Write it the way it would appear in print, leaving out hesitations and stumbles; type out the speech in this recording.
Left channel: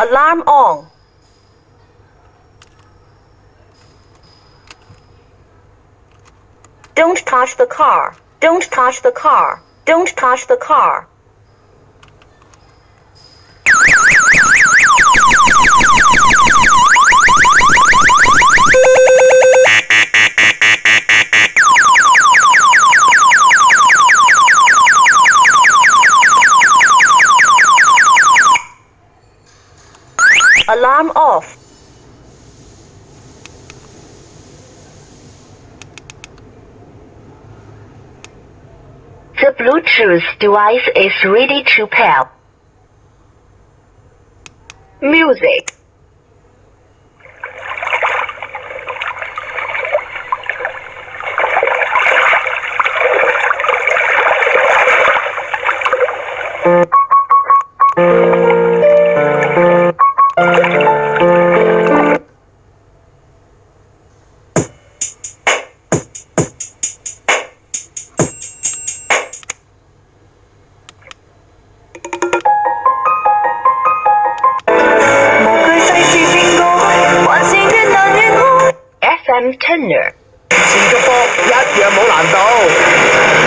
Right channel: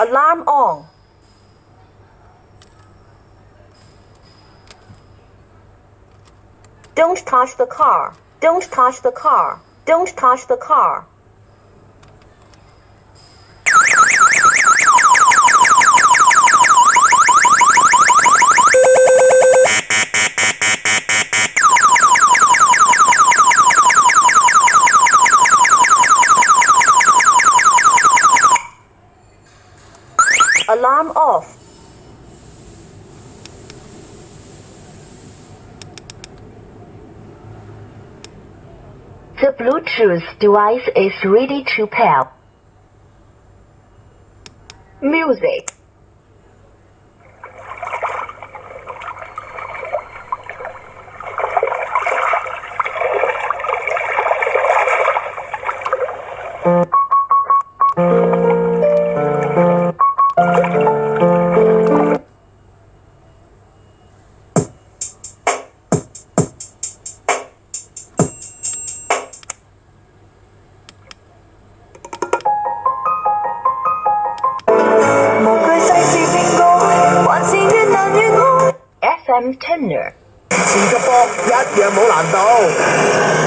Alarm on. Don't touch the car. Don't touch the car. Don't touch the car. Alarm off. The Bluetooth device is ready to pair. Music. FM Tenor. 前個波一樣冇難度。